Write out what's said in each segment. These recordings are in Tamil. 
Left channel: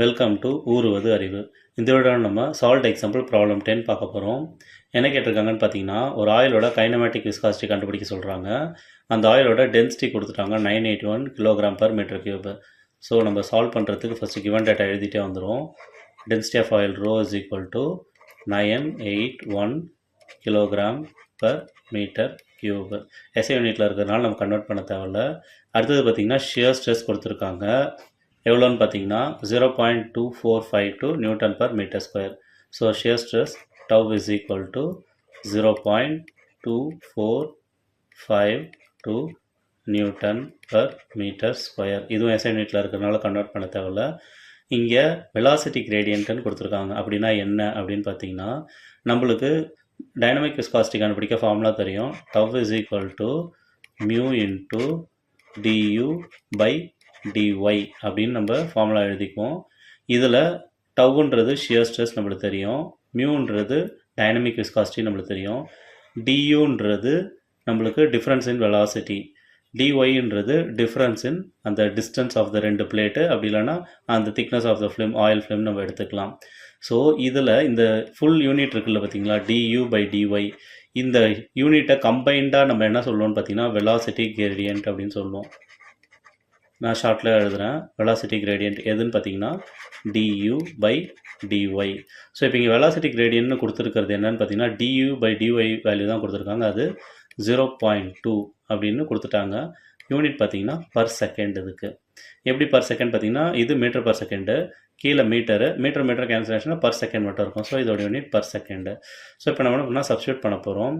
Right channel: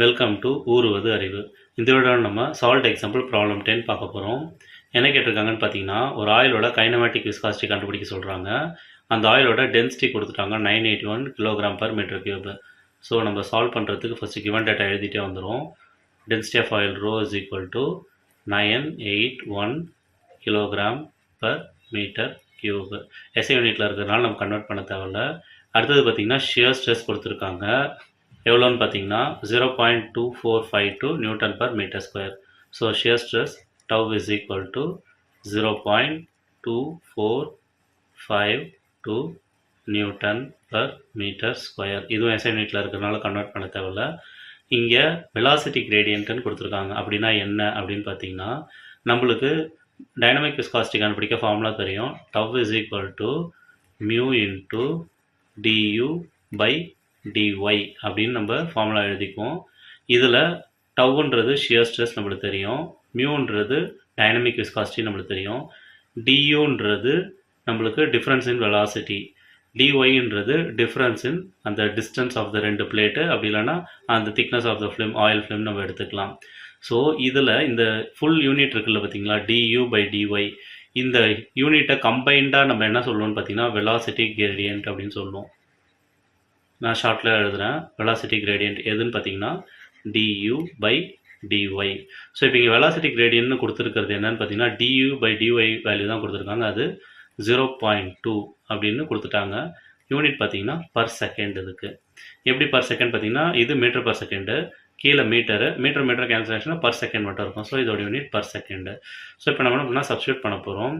வெல்கம் டு ஊருவது அறிவு. இந்த வீடியோ நம்ம சால்ட் எக்ஸாம்பிள் ப்ராப்ளம் 10 பார்க்க போகிறோம். என்ன கேட்டிருக்காங்கன்னு பார்த்தீங்கன்னா, ஒரு ஆயிலோட கைனமேட்டிக் விஸ்காசிட்டி கண்டுபிடிக்க சொல்கிறாங்க. அந்த ஆயிலோட டென்சிட்டி கொடுத்துட்டாங்க 981 kilogram per metre cube. So நம்ம சால்வ் பண்ணுறதுக்கு ஃபஸ்ட்டு கிவன் டேட்டா எழுதிட்டே வந்துடும். Density of oil rho is equal to 981 kilogram per metre cube. SI யூனிட்டில் இருக்கிறதுனால நம்ம கன்வெர்ட் பண்ண தேவையில்ல. அடுத்தது பார்த்திங்கன்னா ஷியர் ஸ்ட்ரெஸ் கொடுத்துருக்காங்க. எவ்வளோன்னு பார்த்தீங்கன்னா 0.2452 newton per metre square. So shear stress tau is equal to 0.2452 newton per metre square. இதுவும் எஸ்ஐ யூனிட்டில் இருக்கிறதுனால கன்வெர்ட் பண்ண தேவையில்ல. இங்கே வெலாசிட்டி கிரேடியன்ட்னு கொடுத்துருக்காங்க. அப்படின்னா என்ன அப்படின்னு பார்த்தீங்கன்னா, நம்மளுக்கு டைனமிக் விஸ்காசிட்டி கண்டுபிடிக்க ஃபார்முலா தெரியும். Tau is equal to mu into du by dy அப்படின்னு நம்ம ஃபார்முலா எழுதிக்குவோம். இதில் டவ்ன்றது ஷியர் ஸ்ட்ரெஸ் நம்மளுக்கு தெரியும், மியூன்றது டைனமிக் விஸ்காசிட்டி நம்மளுக்கு தெரியும், டியூன்றது நம்மளுக்கு டிஃப்ரென்ஸ் இன் வெலாசிட்டி, டிஒய்ன்றது டிஃப்ரென்ஸ் இன் அந்த டிஸ்டன்ஸ் ஆஃப் த ரெண்டு பிளேட்டு, அப்படி இல்லைன்னா அந்த thickness of the film, oil film நம்ம எடுத்துக்கலாம். ஸோ இதில் இந்த ஃபுல் யூனிட் இருக்குல்ல பார்த்தீங்களா, டியூ பை டிஒய், இந்த யூனிட்டை கம்பைண்டாக நம்ம என்ன சொல்லுவோம்னு பார்த்தீங்கன்னா வெலாசிட்டி கிரேடியன்ட் அப்படின்னு சொல்லுவோம். நான் ஷார்ட்டில் எழுதுகிறேன். வெலாசிட்டி கிரேடியன்ட் எதுன்னு பார்த்தீங்கன்னா du பை dy. ஸோ இப்போ இங்கே வெலாசிட்டி கிரேடியன்ட்னு கொடுத்துருக்கிறது என்னன்னு பார்த்தீங்கன்னா du பை dy வேல்யூ தான் கொடுத்துருக்காங்க. அது 0.2 அப்படின்னு கொடுத்துட்டாங்க. யூனிட் பார்த்தீங்கன்னா பர் செகண்ட். இதுக்கு எப்படி பர் செகண்ட் பார்த்தீங்கன்னா, இது மீட்டர் பர் செகண்டு, கீழே மீட்டரு, மீட்டர் கேன்சலேஷனாக பர் செகண்ட் மட்டும் இருக்கும். ஸோ இதோட யூனிட் பர் செகண்டு. ஸோ இப்போ நம்ம என்ன சப்ஸ்டியூட் பண்ண போகிறோம்.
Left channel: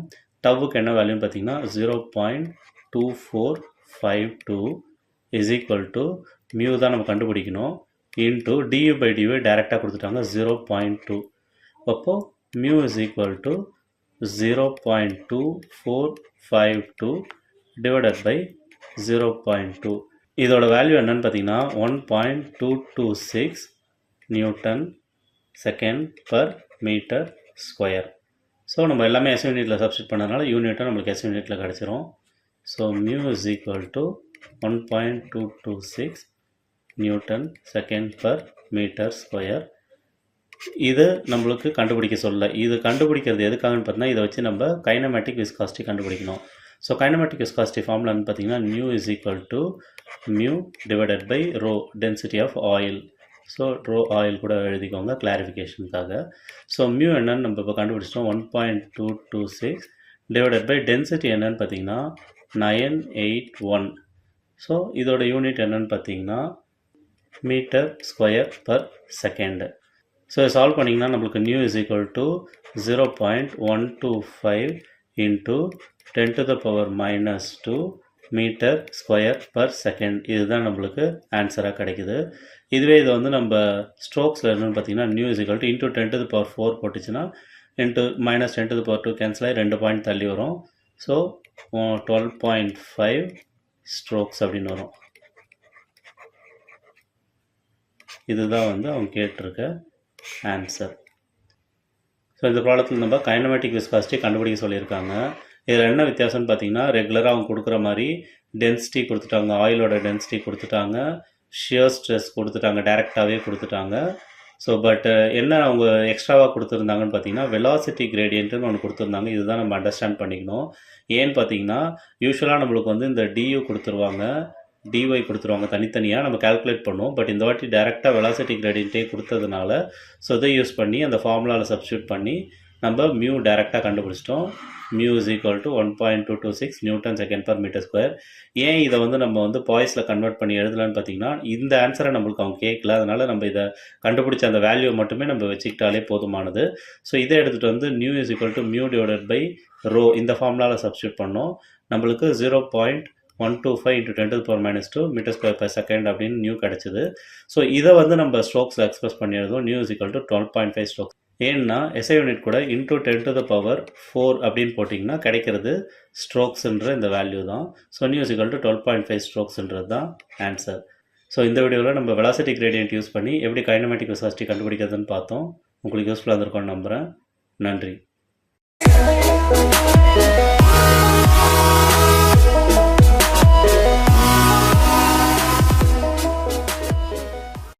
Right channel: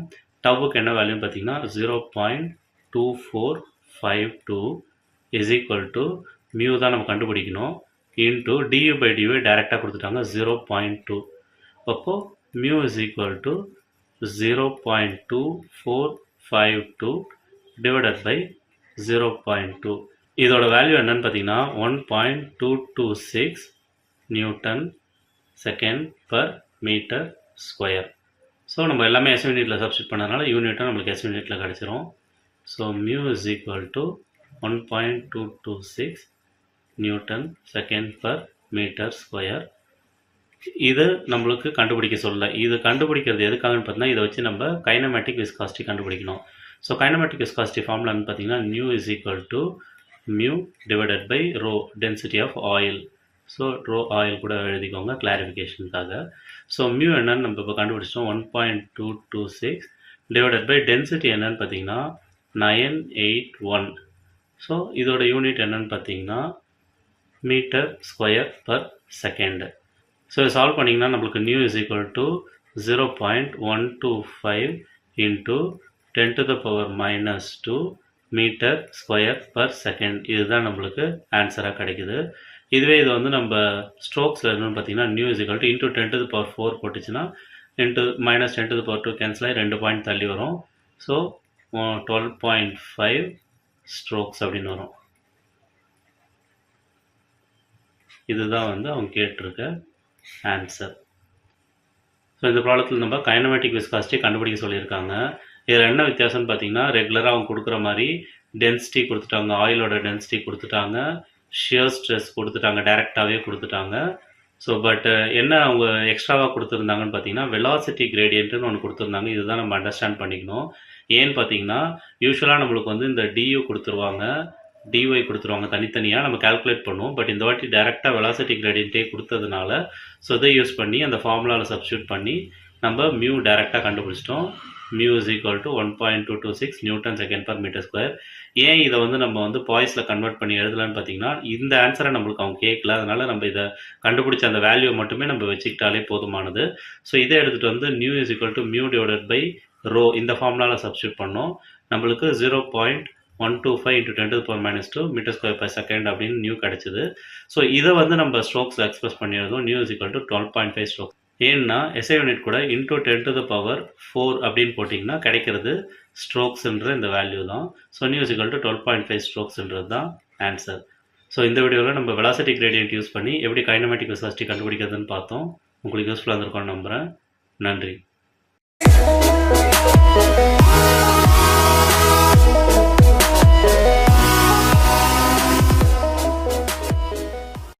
டவுக்கு என்ன வேல்யூன்னு பார்த்தீங்கன்னா 0.2452 இஸ் ஈக்குவல் டு மியூ தான் நம்ம கண்டுபிடிக்கணும், இன்ட்டு டியூ பை டியூ டைரெக்டாக கொடுத்துட்டாங்க 0.2. அப்போது mu is equal to 0.2452 divided by 0.2. இதோட வேல்யூ என்னன்னு பார்த்தீங்கன்னா 1.226 newton second per metre square. So நம்ம எல்லாமே எஸ் யூனிட்டில் சப்ஸ்டியூட் பண்ணதுனால யூனிட்டை நம்மளுக்கு எஸ் யூனிட்டில் கிடச்சிரும். So mu is equal to 1.226 newton second per metre square. இது நம்மளுக்கு கண்டுபிடிக்க சொல்ல. இது கண்டுபிடிக்கிறது எதுக்காகன்னு பார்த்தீங்கன்னா, இதை வச்சு நம்ம கைனமேட்டிக் விஸ்காசிட்டி கண்டுபிடிக்கணும். ஸோ கைனமேட்டிக் விஸ்காசிட்டி ஃபார்முலான்னு பார்த்தீங்கன்னா nu is equal to mu divided by rho density of oil. So rho oil கூட எழுதிக்கோங்க கிளாரிஃபிகேஷனுக்காக. ஸோ மியூ என்னன்னு நம்ம இப்போ கண்டுபிடிச்சிட்டோம். 1.226 டிவைடட் பை டென்சிட்டி என்னன்னு பார்த்தீங்கன்னா 981. ஸோ இதோட யூனிட் என்னன்னு பார்த்தீங்கன்னா metre square per second. So solve பண்ணிங்கன்னா நம்மளுக்கு nu is equal to 0.125 into 10 to the power minus 2 metre square per second. இதுதான் நம்மளுக்கு ஆன்சராக கிடைக்குது. இதுவே இதை வந்து நம்ம ஸ்ட்ரோக்ஸில் என்னன்னு பார்த்தீங்கன்னா nu is equal to into 10 to the power 4 போட்டுச்சுன்னா into minus 10 to the power 2 cancel ஆகி 2 பாயிண்ட் தள்ளி வரும். ஸோ 12.5 ஸ்ட்ரோக்ஸ் அப்படின்னு வரும். இதுதான் வந்து அவங்க கேட்டிருக்க ஆன்சர். ஸோ இந்த ப்ராப்ளத்தில் நம்ம கைனமேட்டிக் விஸ்காசிட்டி கண்டுபிடிக்க சொல்லியிருக்காங்க. இதில் என்ன வித்தியாசம்னு பார்த்தீங்கன்னா, ரெகுலராக அவங்க கொடுக்குற மாதிரி டென்சிட்டி கொடுத்துட்டாங்க, ஆயிலோட டென்சிட்டி கொடுத்துட்டாங்க, ஷியர் ஸ்ட்ரெஸ் கொடுத்துட்டாங்க, டைரெக்டாகவே கொடுத்துட்டாங்க. ஸோ பட் என்ன அவங்க எக்ஸ்ட்ராவாக கொடுத்துருந்தாங்கன்னு பார்த்தீங்கன்னா வெலாசிட்டி கிரேடியன்ட்டுன்னு ஒன்று கொடுத்துருந்தாங்க. இதுதான் நம்ம அண்டர்ஸ்டாண்ட் பண்ணிக்கணும். ஏன்னு பார்த்தீங்கன்னா யூஸ்வலாக நம்மளுக்கு வந்து இந்த டியூ கொடுத்துருவாங்க, டிஒய் கொடுத்துருவாங்க, தனித்தனியாக நம்ம கால்குலேட் பண்ணுவோம். பட் இந்த வாட்டி டைரெக்டாக வெலாசிட்டி கிரேடியன்ட்டே கொடுத்ததுனால ஸோ இதை யூஸ் பண்ணி அந்த ஃபார்முலாவில் சப்ஸ்டியூட் பண்ணி நம்ம மியூ டைரெக்டாக கண்டுபிடிச்சிட்டோம். Mu is equal to 1.226 newton second per metre square. ஏன் இதை வந்து நம்ம வந்து பாய்ஸில் கன்வெர்ட் பண்ணி எழுதலான்னு பார்த்தீங்கன்னா, இந்த ஆன்சரை நம்மளுக்கு அவங்க கேட்கல, அதனால் நம்ம இதை கண்டுபிடிச்ச அந்த வேல்யூ மட்டுமே நம்ம வச்சுக்கிட்டாலே போதுமானது. ஸோ இதை எடுத்துகிட்டு வந்து nu is equal to mu divided by rho இந்த ஃபார்முலாவில் சப்ஸ்டியூட் பண்ணோம். நம்மளுக்கு 0.125 into 10 to the power minus 2 metre square per second அப்படின்னு நியூ கிடச்சிது. ஸோ இதை வந்து நம்ம ஸ்ட்ரோக்ஸில் எக்ஸ்பிரஸ் பண்ணி எழுதும். Nu is equal to 12.5 stokes. ஏன்னா எஸ்ஐ யூனிட் கூட இன்ட்டு 10 to the power 4 அப்படின்னு போட்டிங்கன்னா கிடைக்கிறது ஸ்ட்ரோக்ஸ்ன்ற இந்த வேல்யூ தான். So new is equal to 12.5 ஸ்ட்ரோக்ஸ்ன்றது தான் ஆன்சர். ஸோ இந்த வீடியோவில் நம்ம வெலாசிட்டி கிரேடியன்ட் யூஸ் பண்ணி எப்படி கைனமேட்டிக் விஸ்காசிட்டி கண்டுபிடிக்கிறதுன்னு பார்த்தோம். உங்களுக்கு யூஸ்ஃபுல்லாக இருந்திருக்கும்னு நம்புகிறேன். நன்றி.